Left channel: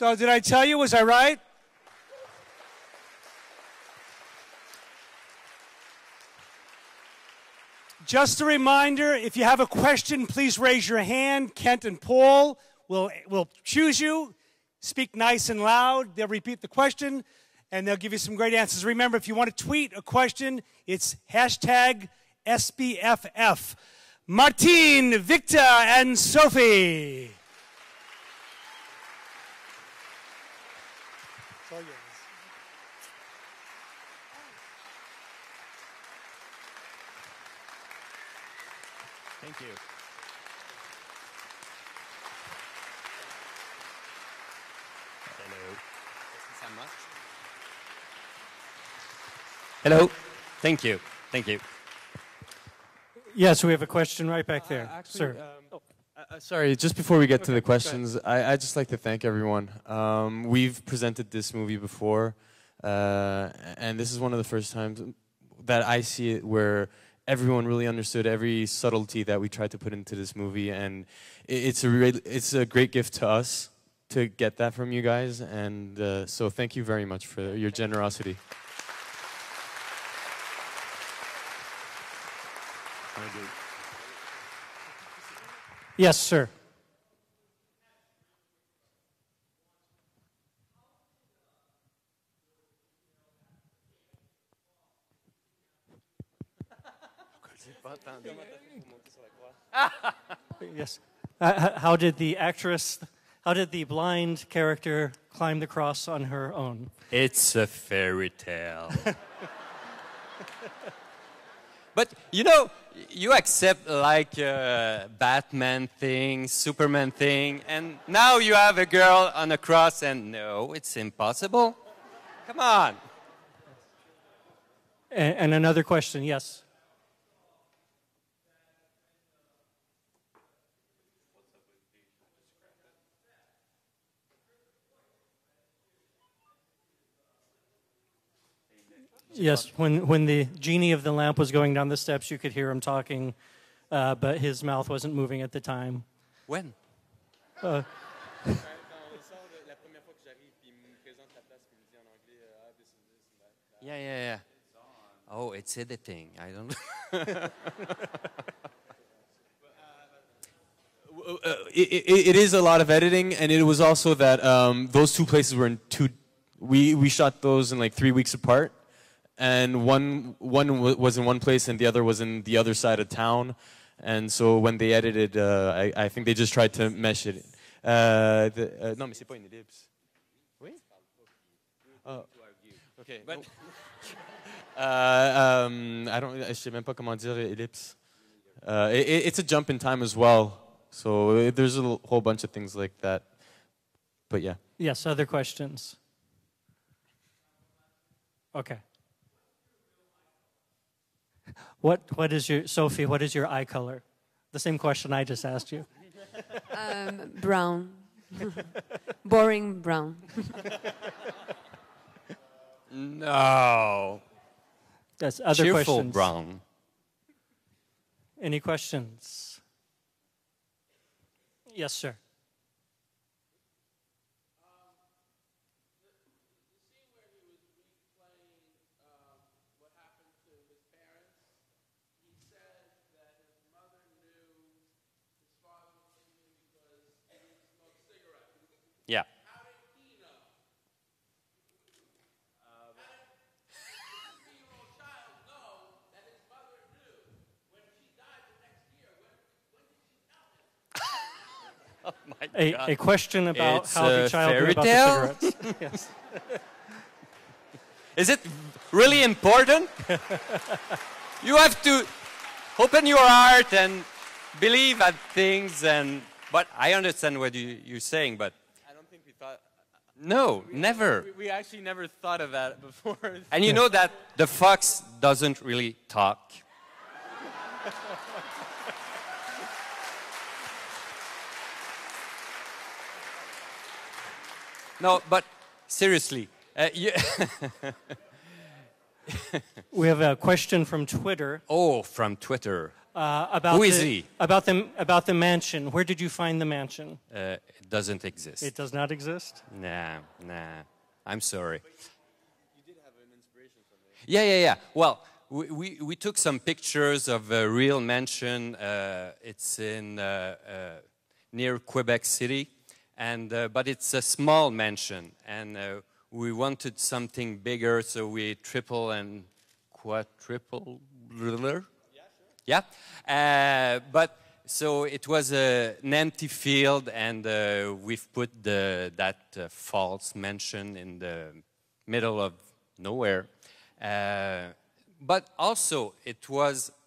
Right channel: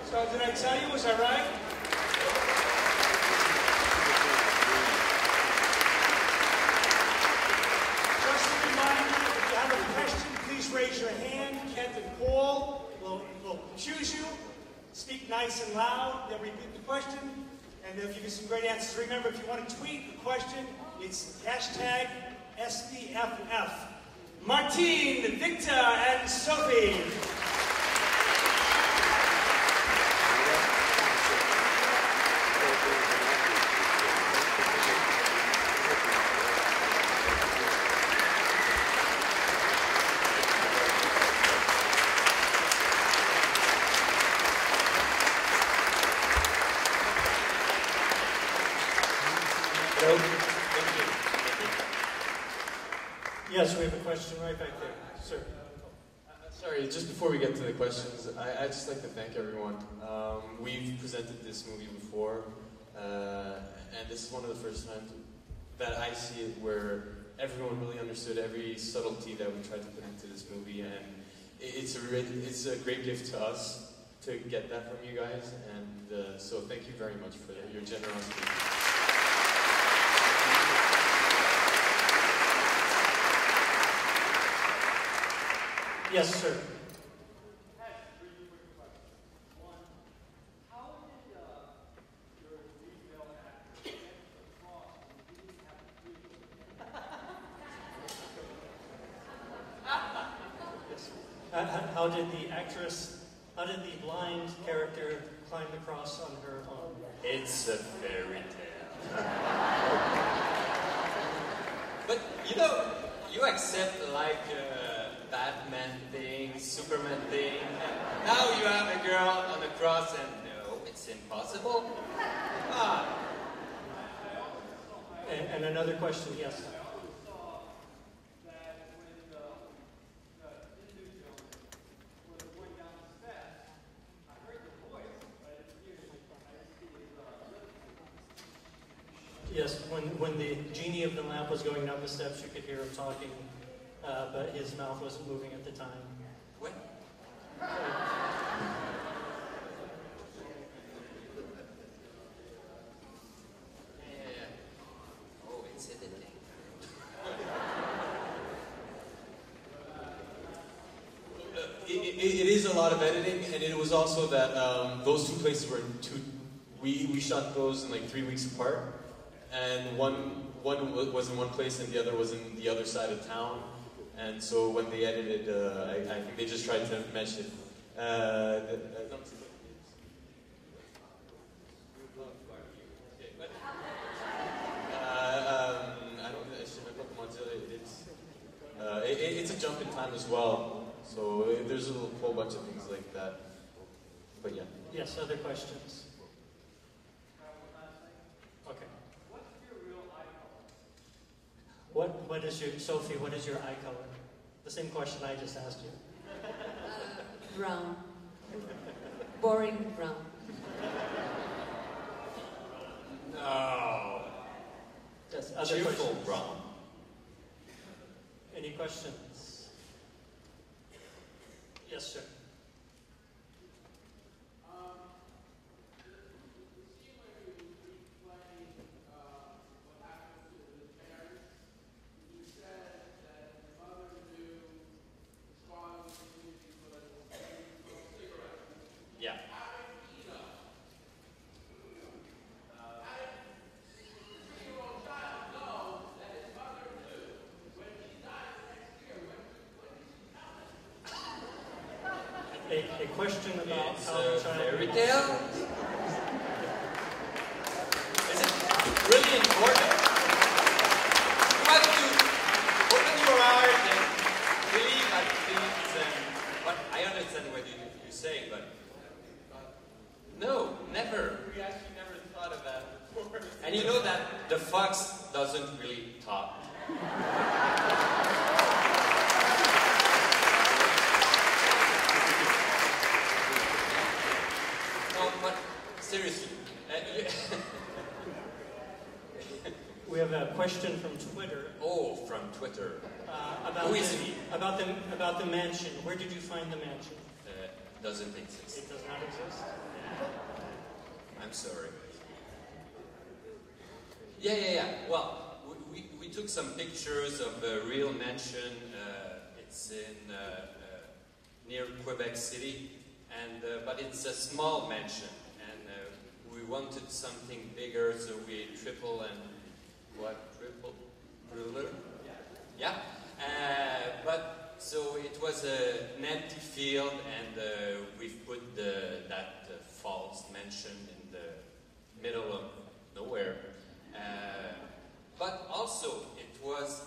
So did I tell you? Was I right? Just a reminder, if you have a question, please raise your hand. Kent and Paul will choose you. Speak nice and loud. They'll repeat the question, and they'll give you some great answers. Remember, if you want to tweet a question, it's hashtag SBFF. Martine, Victor, and Sophie. Hello. Thank you. Thank you. Yes, we have a question right back there, sir. Sorry, just before we get to the questions, I'd just like to thank everyone. We've presented this movie before, and this is one of the first times that I see it where everyone really understood every subtlety that we tried to put into this movie, and it's a great gift to us to get that from you guys, and so thank you very much for your generosity. Yes, sir. Yes. How did the blind character climb the cross on her own? It's a fairy tale. But, you know, you accept like Batman thing, Superman thing, and now you have a girl on a cross and no, it's impossible. Come on. And another question, yes. Yes, when the genie of the lamp was going down the steps, you could hear him talking, but his mouth wasn't moving at the time. When? Yeah. Oh, it's editing. I don't know. It is a lot of editing, and it was also that those two places were we shot those in like 3 weeks apart. And one was in one place and the other was in the other side of town. And so when they edited, I think they just tried to mesh it. Non, mais c'est pas une ellipse. Oui? Okay. Je sais même pas comment dire ellipse. It's a jump in time as well. So there's a whole bunch of things like that. But yeah. Yes, other questions? Okay. What is your, Sophie, what is your eye color? The same question I just asked you. Brown. Boring brown. No. Yes, other Cheerful questions? brown. Any questions? Yes, sir. Yeah. A question about It's how the a child knew fairy about the tale? cigarettes. Yes. Is it really important? You have to open your heart and believe at things, but I understand what you're saying, but no, never. We actually never thought of that before. And you know that the fox doesn't really talk. No, but seriously, We have a question from Twitter. Oh, from Twitter. About Who is he? About the mansion. Where did you find the mansion? doesn't exist. It does not exist? Nah. I'm sorry. Yeah. Well, we took some pictures of a real mansion. It's in near Quebec City, and but it's a small mansion, and we wanted something bigger, so we triple and quadruple. Yeah, but so it was an empty field, and we've put that false mansion in the middle of nowhere. But also, it was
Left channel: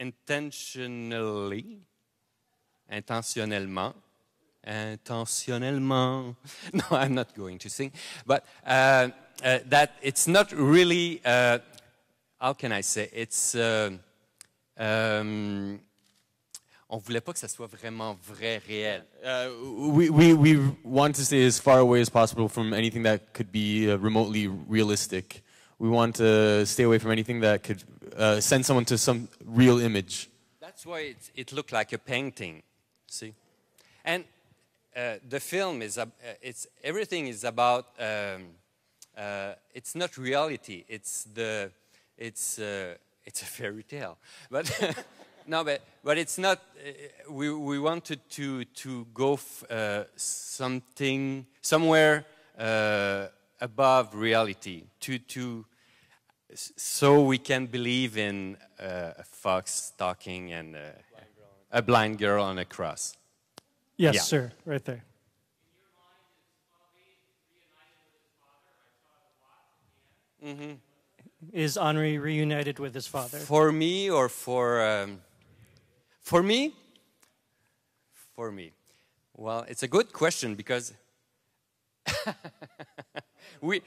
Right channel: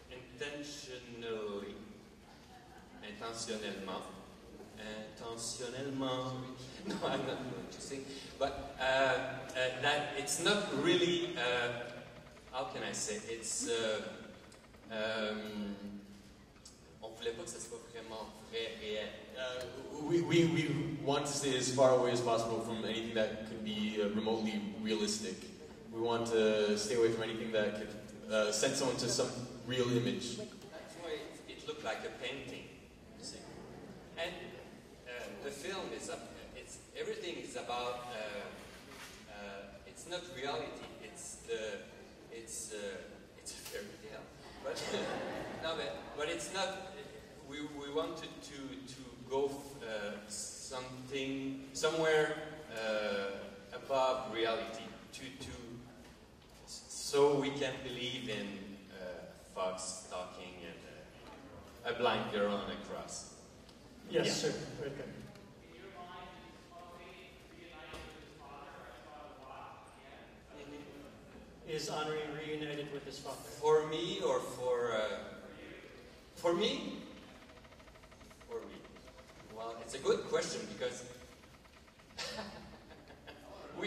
intentionnellement, no, I'm not going to sing, but that it's not really, how can I say, it's, on voulait pas que ça soit vraiment vrai, réel. We want to stay as far away as possible from anything that could be remotely realistic. We want to stay away from anything that could send someone to some real image. That's why it looked like a painting, see? And the film is, everything is about, it's not reality, it's a fairy tale. But no, but it's not. We wanted to go somewhere above reality, so we can believe in a fox talking and a blind girl on a cross. Yes, Yeah. sir, right there. Mm-hmm. Is Henri reunited with his father? For me or for me? For me. Well, it's a good question because we've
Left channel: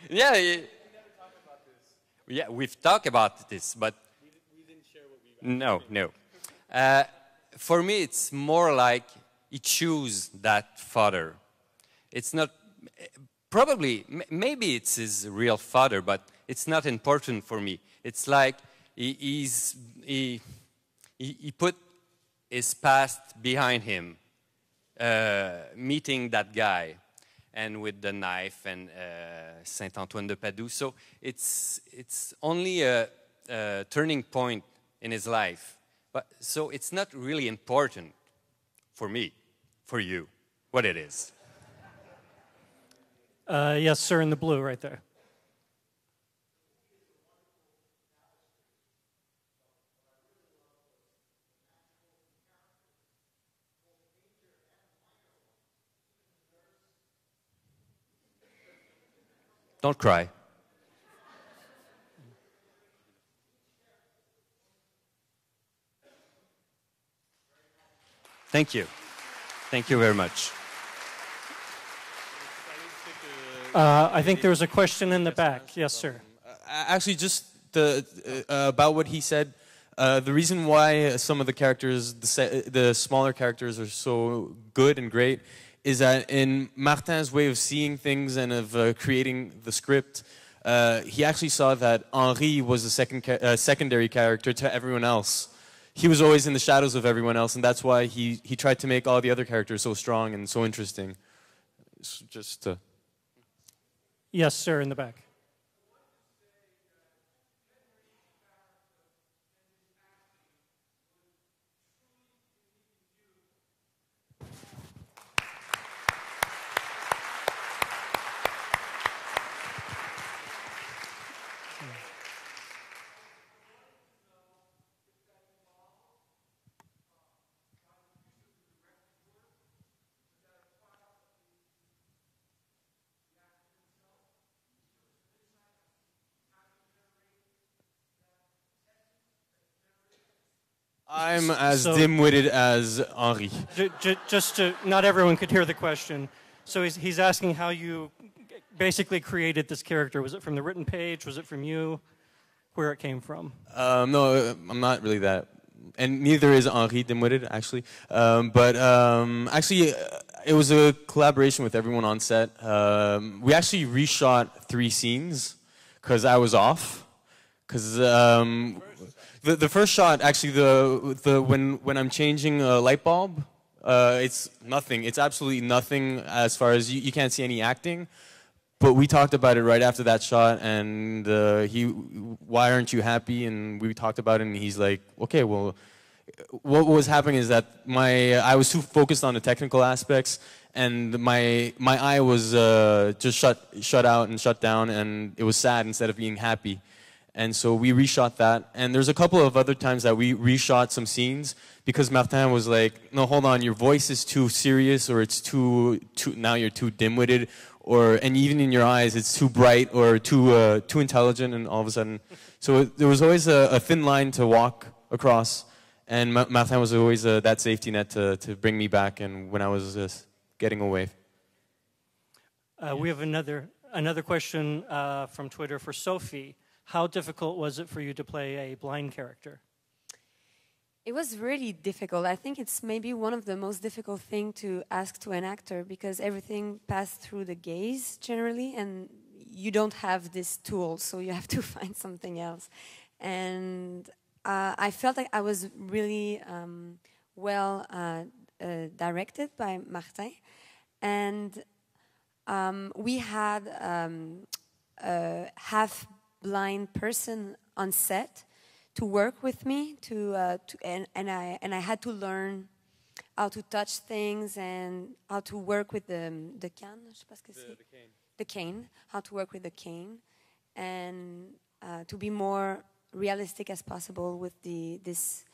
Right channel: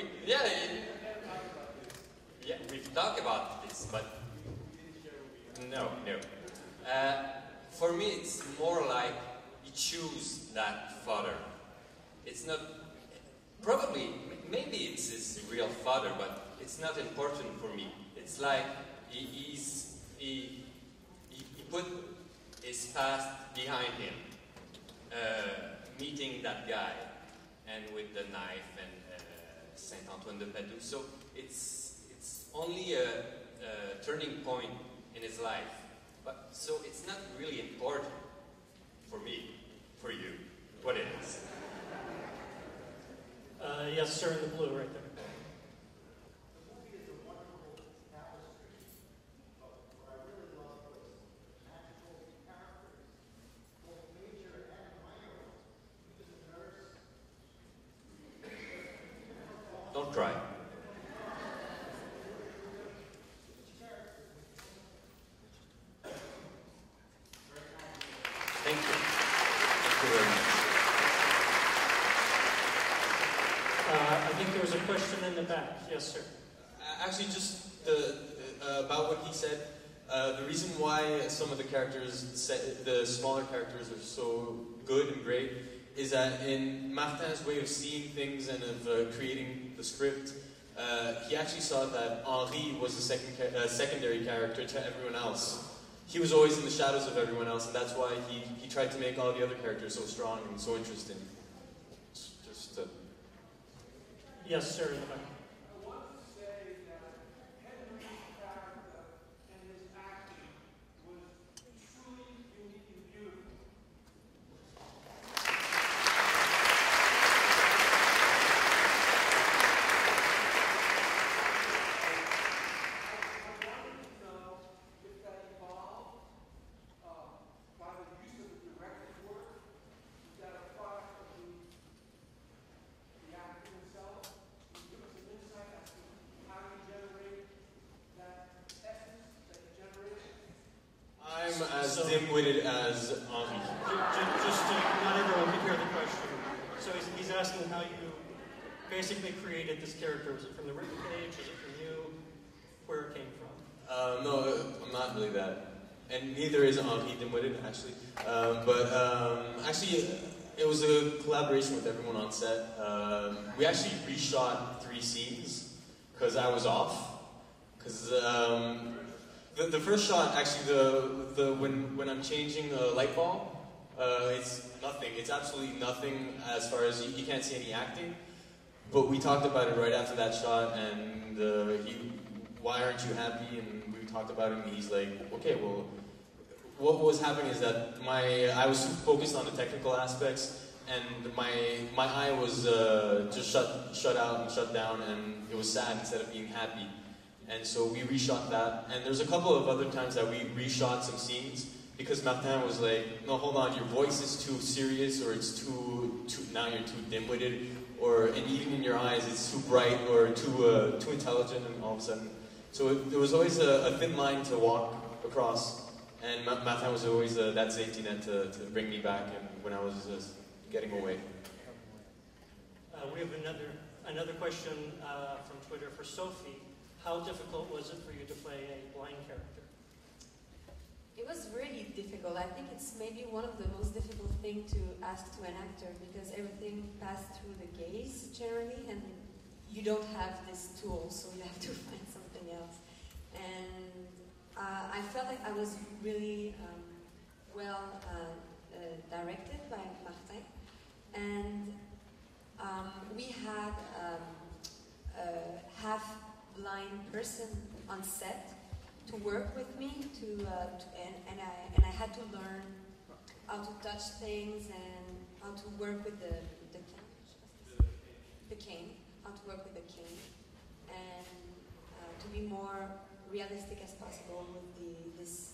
talked about this, but no. For me, it's more like he chose that father. It's not. Probably, maybe it's his real father, but it's not important for me. It's like he put his past behind him, meeting that guy, and with the knife and Saint Antoine de Padoue. So it's only a turning point in his life. But so it's not really important for me, for you, what it is. Yes, sir, in the blue, right there. Don't cry. Thank you. Thank you very much. I think there was a question in the back. Yes, sir. Actually, just about what he said, the reason why some of the characters, the smaller characters, are so good and great is that in Martin's way of seeing things and of creating the script, he actually saw that Henri was a secondary character to everyone else. He was always in the shadows of everyone else, and that's why he tried to make all the other characters so strong and so interesting. Just Yes, sir, in the back. I'm as dim-witted as Henri. Just to, not everyone could hear the question. So he's asking how you basically created this character. Was it from the written page? Was it from you? Where it came from? No, I'm not really that. And neither is Henri dim-witted, actually. Actually, it was a collaboration with everyone on set. We actually reshot 3 scenes because I was off. Because the first shot, actually, when I'm changing a light bulb, It's nothing. It's absolutely nothing as far as you can't see any acting. But we talked about it right after that shot, and why aren't you happy? And we talked about it, and he's like, okay, well, what was happening is that I was too focused on the technical aspects, and my eye was just shut out and shut down, and it was sad instead of being happy. And so we reshot that, and there's a couple of other times that we reshot some scenes because Martin was like, no, hold on, your voice is too serious, or it's too now you're too dim-witted, and even in your eyes it's too bright or too intelligent, and all of a sudden, so there was always a thin line to walk across, and Martin was always that safety net to bring me back, and when I was just getting away. We have another question from Twitter for Sophie. How difficult was it for you to play a blind character? It was really difficult. I think it's maybe one of the most difficult things to ask to an actor because everything passed through the gaze generally, and you don't have this tool, so you have to find something else. And I felt like I was really well directed by Martin, and we had a half-blind person on set to work with me, and I had to learn how to touch things and how to work with the cane, how to work with the cane, and to be more realistic as possible with this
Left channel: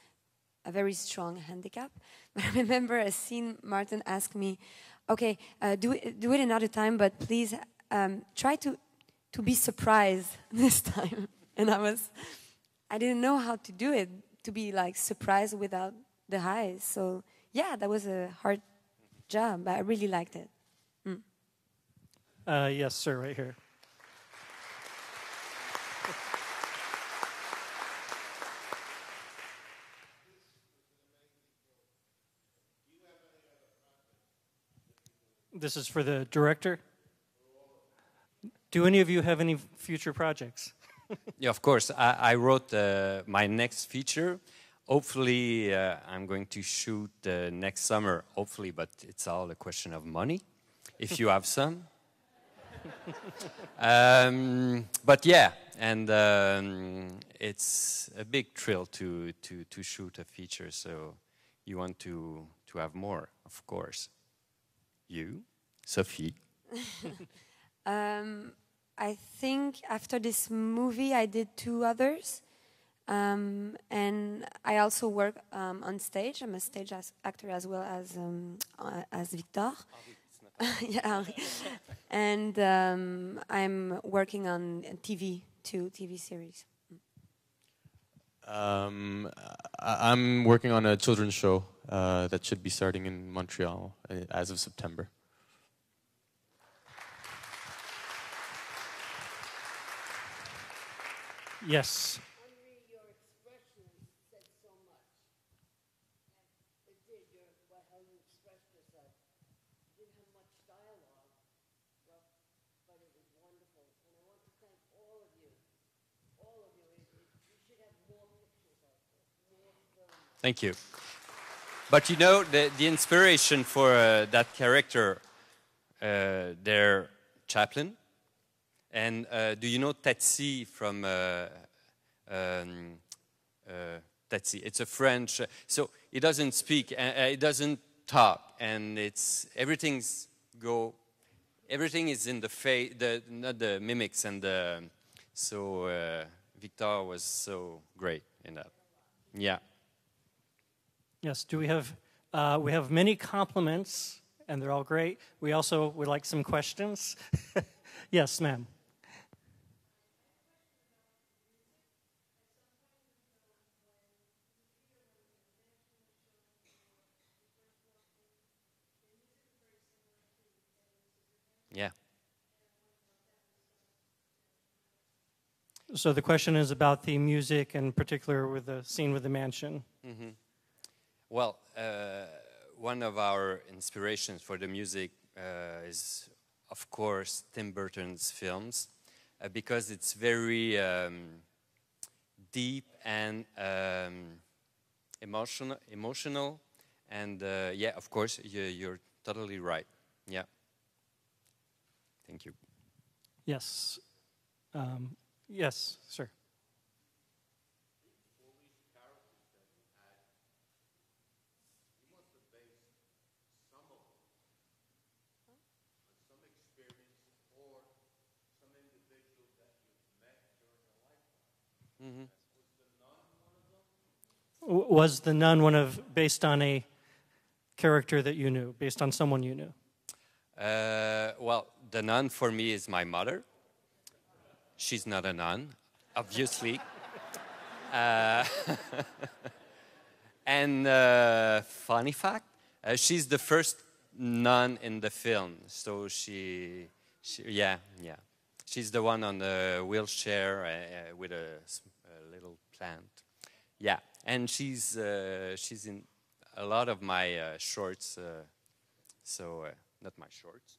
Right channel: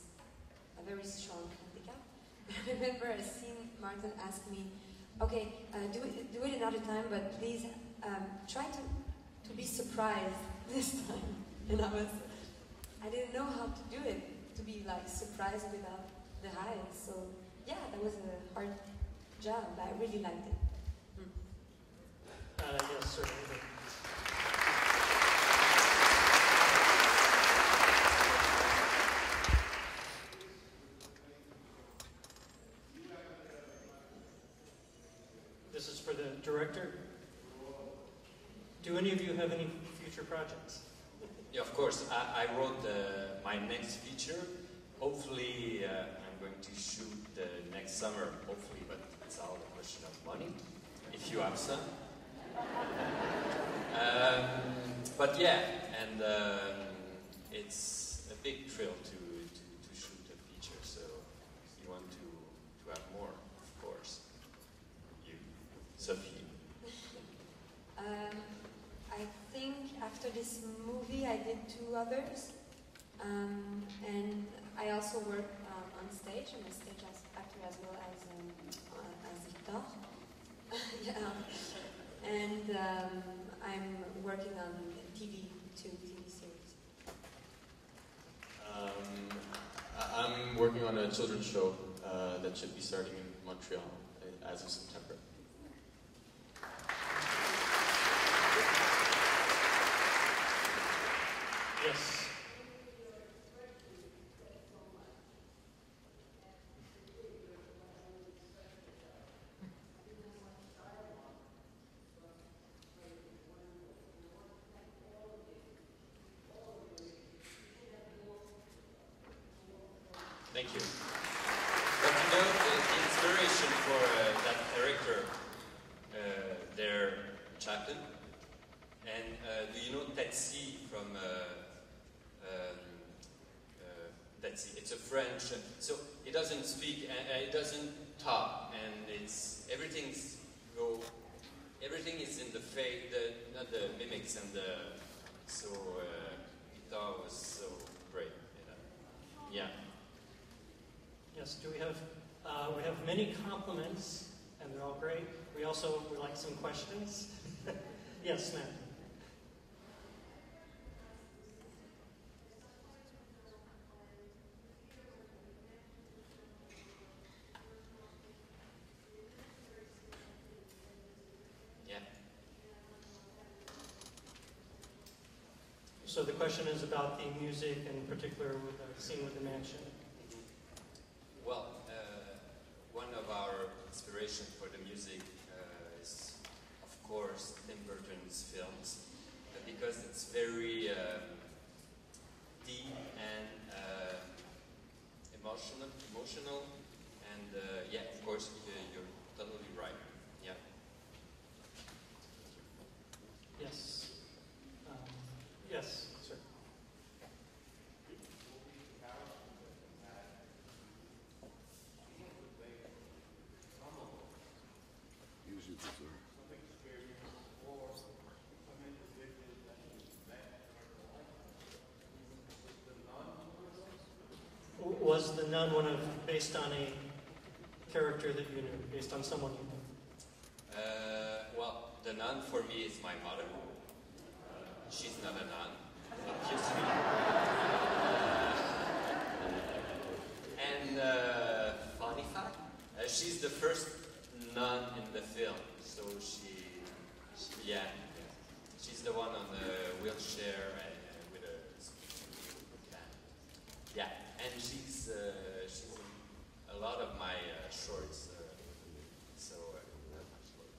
a very strong handicap. But I remember a scene Martin asked me, okay, do it another time, but please try to be surprised this time. And I didn't know how to do it, to be like surprised without the eyes. So yeah, that was a hard job, but I really liked it. Yes, sir, right here. This is for the director. Do any of you have any future projects? Yeah, of course. I wrote my next feature. Hopefully, I'm going to shoot next summer, hopefully, but it's all a question of money, if you have some. But yeah, and it's a big thrill to shoot a feature, so you want to have more, of course. You, Sophie? I think after this movie I did 2 others, and I also work on stage. I'm a stage actor as well as Victor. Yeah. And I'm working on TV, 2 TV series. I'm working on a children's show that should be starting in Montreal as of September. Yes. Thank you. But you know, the inspiration for that character, they're Chaplin. And do you know Tatsi from Tatsi? It's a French. So he doesn't speak, he doesn't talk, and everything is in the face, not the mimics, and so Victor was so great in that. Yeah. Yes. Do we have many compliments, and they're all great. We also would like some questions. Yes, ma'am. Yeah. So the question is about the music, in particular with the scene with the mansion. Mm-hmm. Well, one of our inspirations for the music is, of course, Tim Burton's films, because it's very deep and emotional, And yeah, of course, you're totally right. Yeah. Thank you. Yes. Yes, sir. Was The Nun based on a character that you knew, based on someone you knew? Well, the nun for me is my mother. She's not a nun, obviously. And funny fact, she's the first nun in the film. So yeah. She's the one on the wheelchair with a little plant. Yeah, and she's in a lot of my shorts. Not my shorts,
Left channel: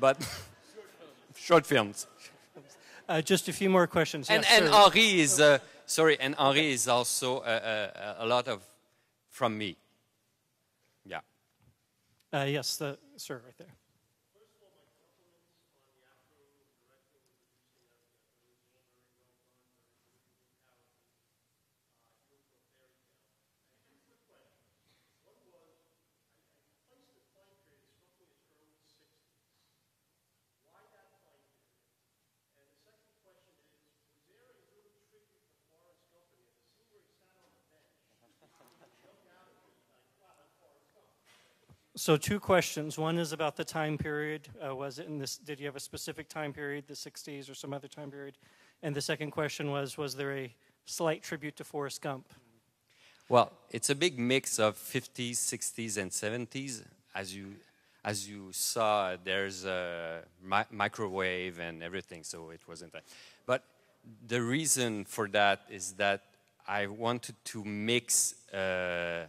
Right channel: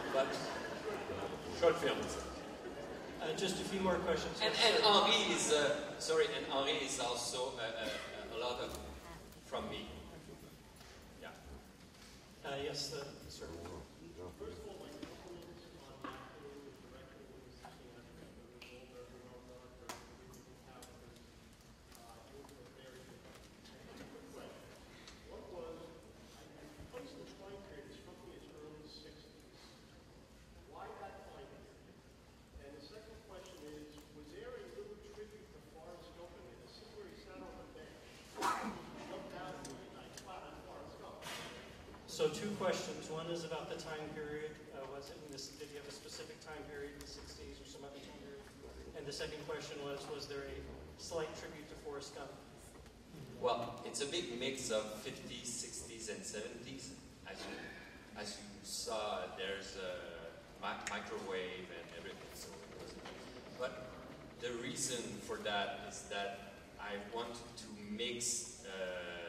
but short films. Just a few more questions. And Yes, Henri is Henri is also a lot of from me. Yeah. yes, sir. So two questions. One is about the time period. Was it in this? Did you have a specific time period, the 60s or some other time period? And the second question was there a slight tribute to Forrest Gump? Well, it's a big mix of 50s, 60s, and 70s. As you saw, there's a microwave and everything, so it was a bit. But the reason for that is that I wanted to mix, to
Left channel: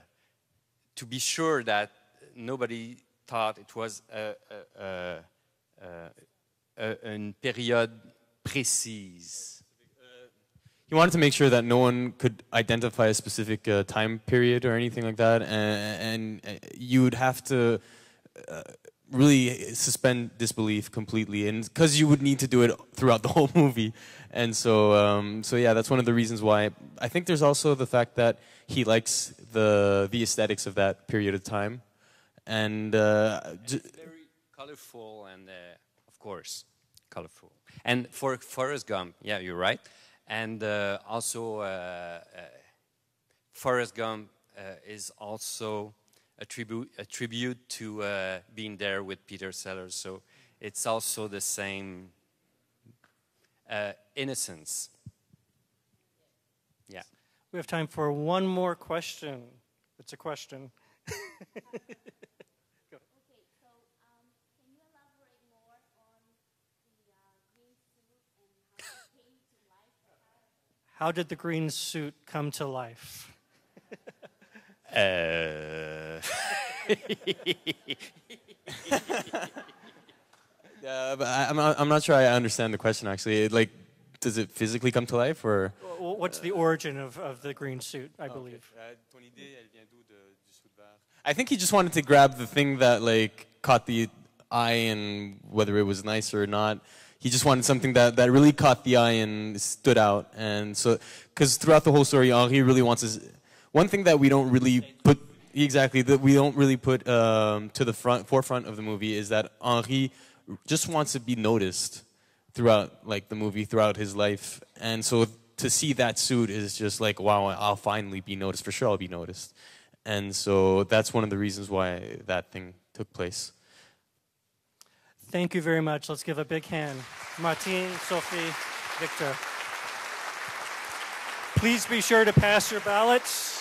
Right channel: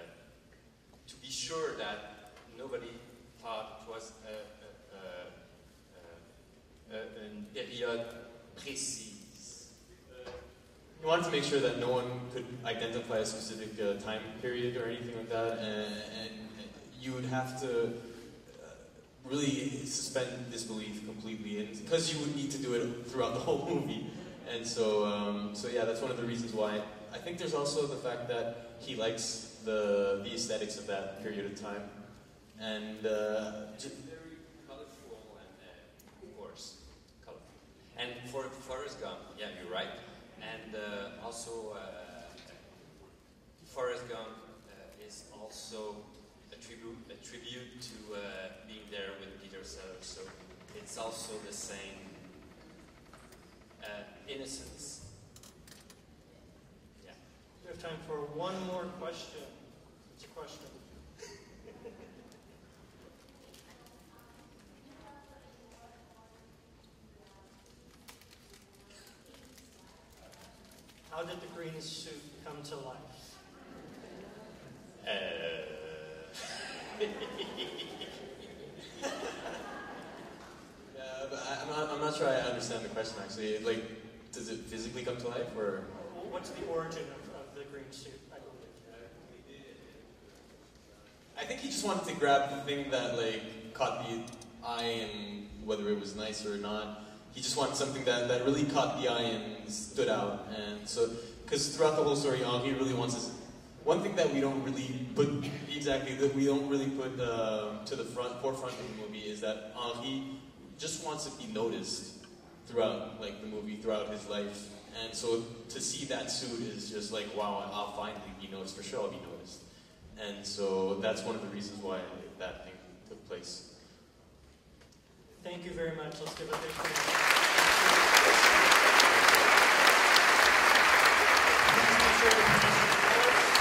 be sure that nobody thought it was une période précise. He wanted to make sure that no one could identify a specific time period or anything like that, and you would have to really suspend disbelief completely, and because you would need to do it throughout the whole movie. And so yeah, that's one of the reasons why. I think there's also the fact that he likes the aesthetics of that period of time. And colorful and of course colorful. And for Forrest Gump, yeah, you're right. And also Forrest Gump is also a tribute to being there with Peter Sellers. So it's also the same innocence. Yeah. We have time for one more question. It's a question. How did the green suit come to life? But I'm not sure I understand the question actually. Like, does it physically come to life, or? What's the origin of the green suit, I believe? I think he just wanted to grab the thing that like caught the eye, and whether it was nice or not. He just wanted something that really caught the eye and stood out. And so, because throughout the whole story, Henri really wants his... One thing that we don't really put, that we don't really put to the forefront of the movie is that Henri just wants to be noticed throughout like the movie, throughout his life. And so to see that suit is just like, wow, I'll finally be noticed. For sure I'll be noticed. And so that's one of the reasons why that thing took place. Thank you very much. Let's give a big hand. Martine, Sophie, Victor. Please be sure to pass your ballots.